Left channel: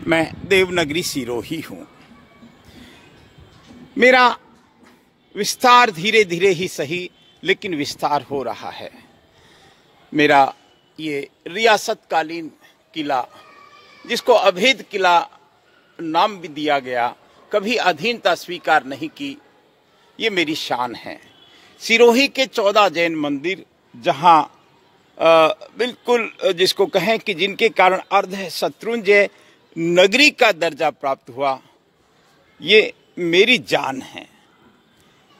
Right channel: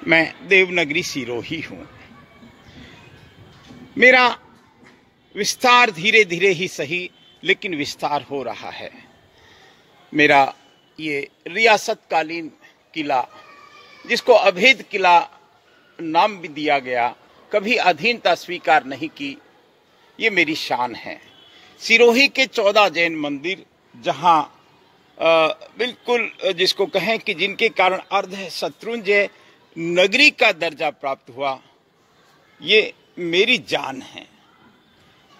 मैं देवनगरी सिरोही हूँ। मेरा विस्तार धीरे धीरे ही सही लेकिन विस्तार हो रहा है। मेरा ये रियासतकालीन किला, जिसको अभेद किला नाम भी दिया गया, कभी अधीनता स्वीकार नहीं की, ये मेरी शान है। सिरोही के 14 जैन मंदिर, जहां बिल्कुल जिसको कहें कि जिनके कारण अर्ध शत्रुंजय नगरी का दर्जा प्राप्त हुआ, ये मेरी जान है।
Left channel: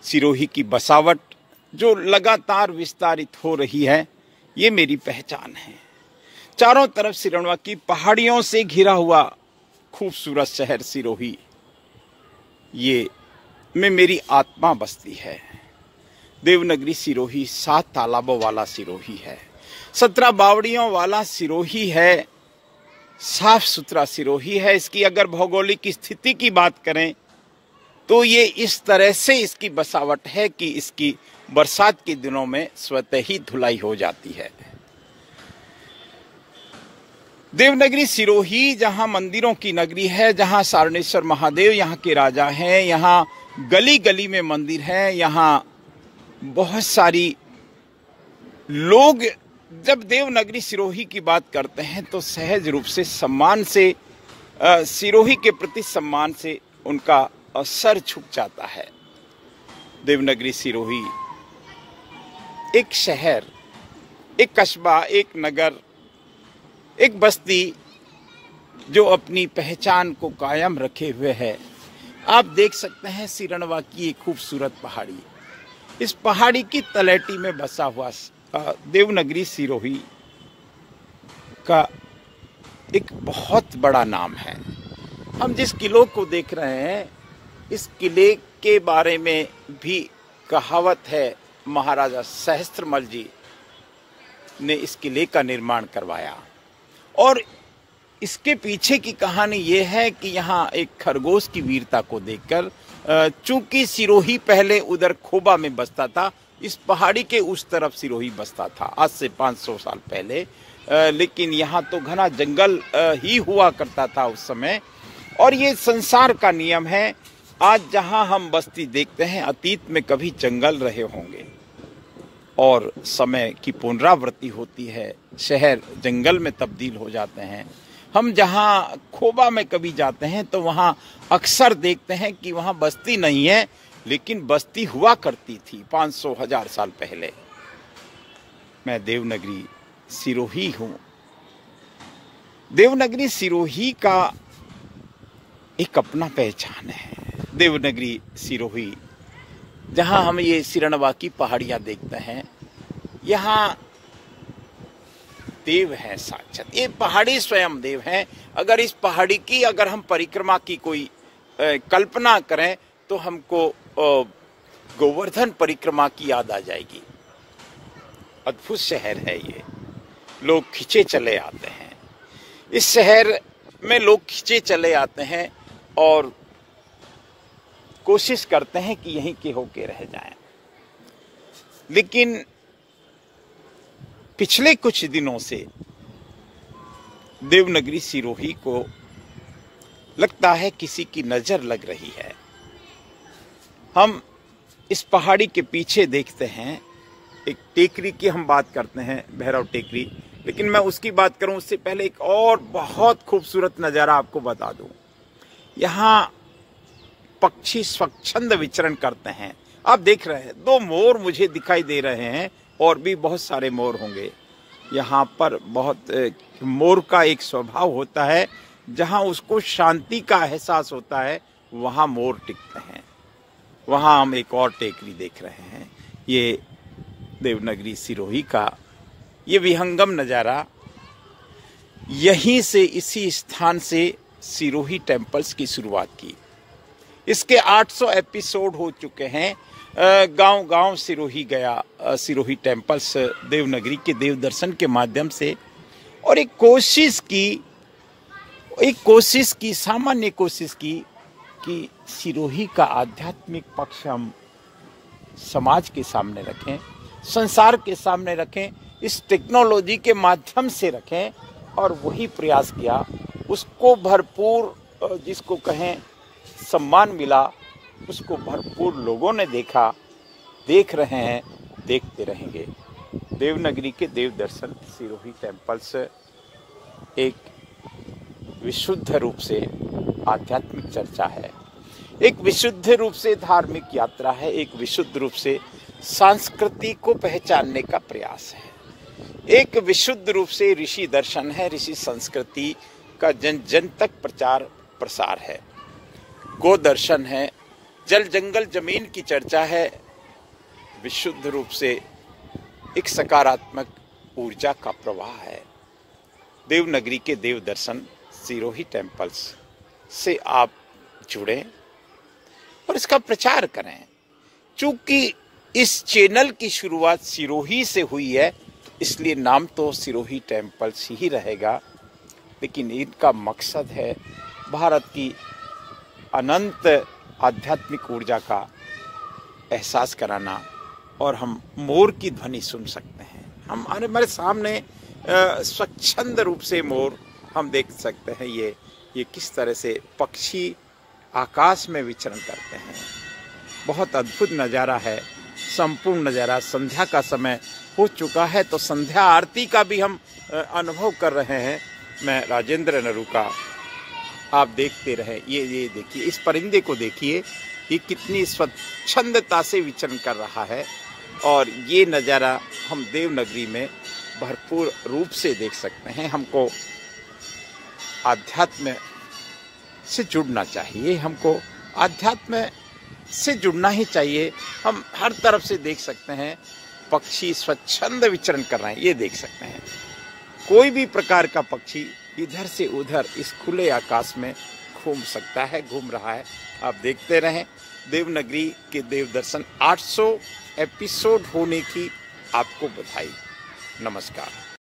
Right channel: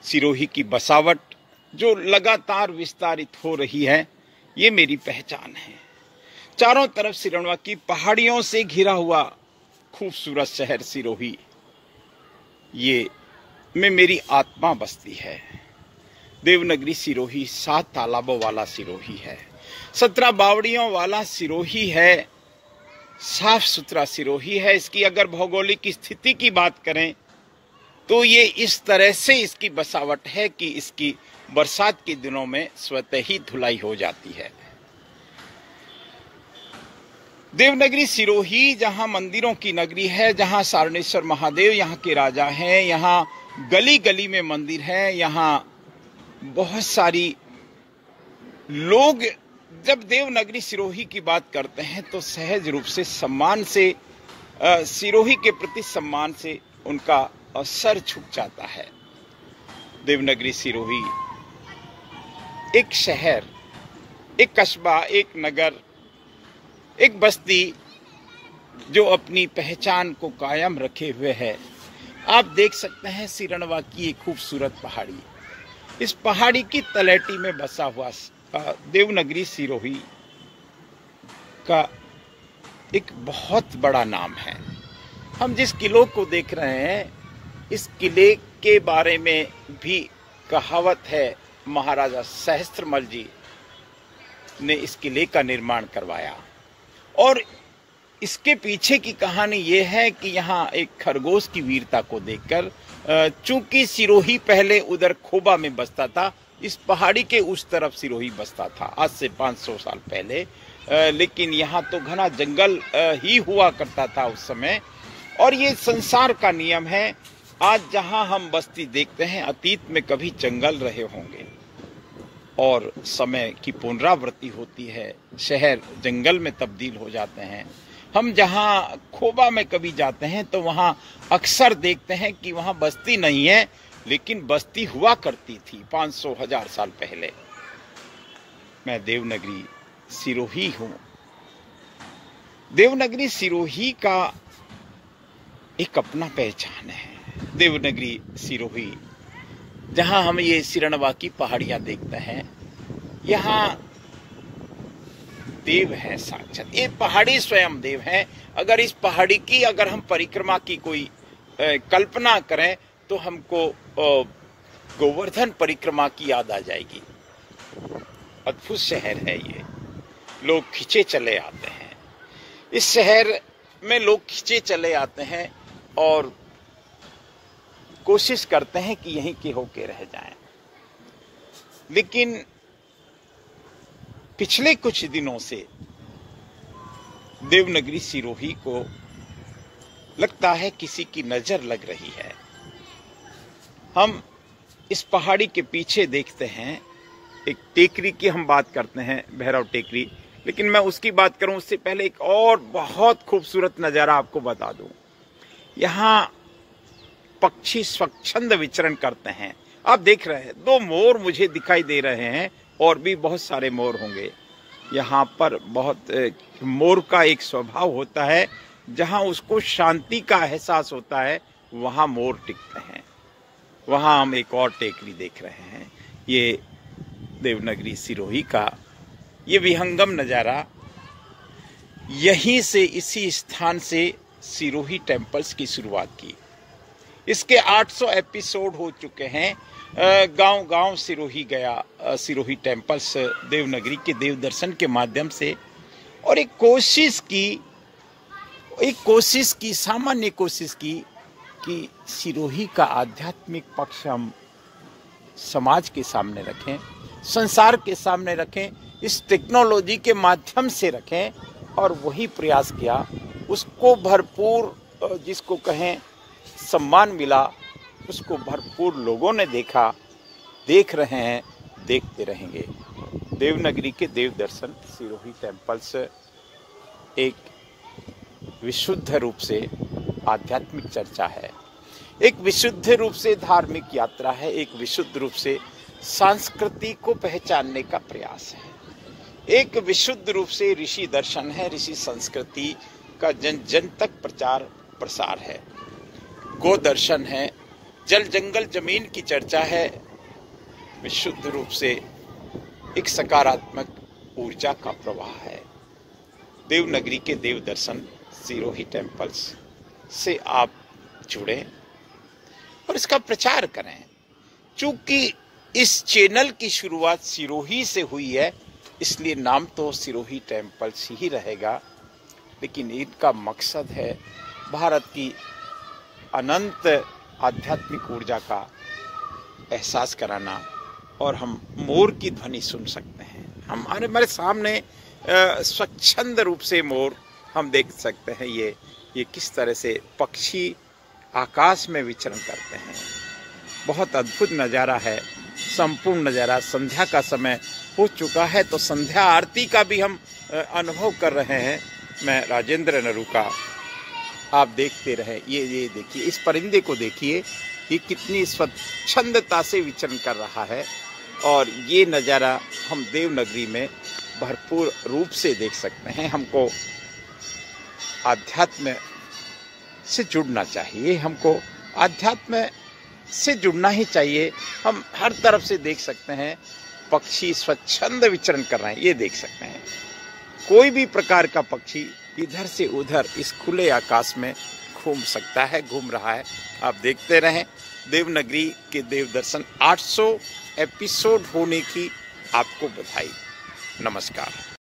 सिरोही की बसावट जो लगातार विस्तारित हो रही है, ये मेरी पहचान है। चारों तरफ सिरणवा की पहाड़ियों से घिरा हुआ खूबसूरत शहर सिरोही, ये में मेरी आत्मा बसती है। देवनगरी सिरोही 7 तालाबों वाला सिरोही है, 17 बावड़ियों वाला सिरोही है, साफ सुथरा सिरोही है। इसकी अगर भौगोलिक स्थिति की बात करें तो ये इस तरह से इसकी बसावट है कि इसकी बरसात के दिनों में स्वतः ही धुलाई हो जाती है। देवनगरी सिरोही जहां मंदिरों की नगरी है, जहां सारणेश्वर महादेव यहाँ के राजा हैं, यहाँ गली गली में मंदिर है, यहाँ बहुत सारी लोग जब देवनगरी सिरोही की बात करते हैं तो सहज रूप से सम्मान से, सिरोही के प्रति सम्मान से उनका सर झुक जाता है। देवनगरी सिरोही एक शहर, एक कस्बा, एक नगर, एक बस्ती जो अपनी पहचान को कायम रखे हुए है। आप देख सकते हैं सिरणवा की एक खूबसूरत पहाड़ी, इस पहाड़ी की तलहटी में बसा हुआ देवनगरी सिरोही का एक बहुत बड़ा नाम है। हम जिस किले को देख रहे हैं, इस किले के बारे में भी कहावत है, महाराजा सहस्त्रमल जी ने इस किले का निर्माण करवाया। और इसके पीछे की कहानी ये है कि यहाँ एक खरगोश की वीरता को देखकर, चूंकि सिरोही पहले उधर खोबा में बसता था, इस पहाड़ी के उस तरफ सिरोही बसता था आज से 500 साल पहले, लेकिन यहाँ तो घना जंगल ही हुआ करता था उस समय। और ये संसार का नियम है, आज जहाँ हम बस्ती देखते हैं, अतीत में कभी जंगल रहे होंगे और समय की पुनरावृत्ति होती है, शहर जंगल में तब्दील हो जाते हैं। हम जहाँ खोबा में कभी जाते हैं तो वहाँ अक्सर देखते हैं कि वहाँ बस्ती नहीं है, लेकिन बस्ती हुआ करती थी 500-1000 साल पहले। मैं देवनगरी सिरोही हूँ। देवनगरी सिरोही का एक अपना पहचान है। देवनगरी सिरोही, जहां हम ये सिरणवा की पहाड़ियां देखते हैं, यहाँ देव है साक्षात। ये पहाड़ी स्वयं देव है। अगर इस पहाड़ी की अगर हम परिक्रमा की कोई कल्पना करें तो हमको गोवर्धन परिक्रमा की याद आ जाएगी। अद्भुत शहर है ये, लोग खिंचे चले आते हैं। इस शहर में लोग खिंचे चले आते हैं और कोशिश करते हैं कि यहीं के होके रह जाएं। लेकिन पिछले कुछ दिनों से देवनगरी सिरोही को लगता है किसी की नजर लग रही है। हम इस पहाड़ी के पीछे देखते हैं, एक टेकरी की हम बात करते हैं, भैरव टेकरी, लेकिन मैं उसकी बात करूं उससे पहले एक और बहुत खूबसूरत नजारा आपको बता दूं। यहाँ पक्षी स्वच्छंद विचरण करते हैं। आप देख रहे हैं 2 मोर मुझे दिखाई दे रहे हैं, और भी बहुत सारे मोर होंगे। यहाँ पर बहुत मोर का एक स्वभाव होता है, जहाँ उसको शांति का एहसास होता है वहाँ मोर टिकते हैं। वहाँ हम एक और टेकरी देख रहे हैं। ये देवनगरी सिरोही का ये विहंगम नज़ारा, यहीं से, इसी स्थान से सिरोही टेम्पल्स की शुरुआत की। इसके 800 एपिसोड हो चुके हैं। गांव गांव सिरोही गया, सिरोही टेम्पल्स देवनगरी के देव दर्शन के माध्यम से, और एक सामान्य कोशिश की कि सिरोही का आध्यात्मिक पक्ष हम समाज के सामने रखें, संसार के सामने रखें, इस टेक्नोलॉजी के माध्यम से रखें। और वही प्रयास किया उसको भरपूर, जिसको कहें सम्मान मिला, उसको भरपूर लोगों ने देखा, देख रहे हैं, देखते रहेंगे। देवनगरी के देव दर्शन सिरोही टेम्पल्स एक विशुद्ध रूप से आध्यात्मिक चर्चा है, एक विशुद्ध रूप से धार्मिक यात्रा है, एक विशुद्ध रूप से संस्कृति को पहचानने का प्रयास है, एक विशुद्ध रूप से ऋषि दर्शन है, ऋषि संस्कृति का जन जन तक प्रचार प्रसार है, गो दर्शन है, जल जंगल जमीन की चर्चा है, विशुद्ध रूप से एक सकारात्मक ऊर्जा का प्रवाह है। देवनगरी के देव दर्शन सिरोही टेम्पल्स से आप जुड़े और इसका प्रचार करें। चूंकि इस चैनल की शुरुआत सिरोही से हुई है, इसलिए नाम तो सिरोही टेम्पल्स ही रहेगा, लेकिन इनका मकसद है भारत की अनंत आध्यात्मिक ऊर्जा का एहसास कराना, और हम मोर की ध्वनि सुन सकते हैं। हमारे सामने स्वच्छंद रूप से मोर हम देख सकते हैं। ये किस तरह से पक्षी आकाश में विचरण करते हैं। बहुत अद्भुत नज़ारा है, संपूर्ण नज़ारा। संध्या का समय हो चुका है, तो संध्या आरती का भी हम अनुभव कर रहे हैं। मैं राजेंद्र नरूका, आप देखते रहे। ये देखिए, इस परिंदे को देखिए, ये कितनी स्वच्छंदता से विचरण कर रहा है, और ये नज़ारा हम देवनगरी में भरपूर रूप से देख सकते हैं। हमको आध्यात्म से जुड़ना चाहिए, हमको आध्यात्म से जुड़ना ही चाहिए। हम हर तरफ से देख सकते हैं पक्षी स्वच्छंद विचरण कर रहे हैं, ये देख सकते हैं। कोई भी प्रकार का पक्षी इधर से उधर इस खुले आकाश में घूम सकता है, घूम रहा है। आप देखते रहें। देवनगरी के देव दर्शन 800 एपिसोड होने की आपको बधाई। नमस्कार।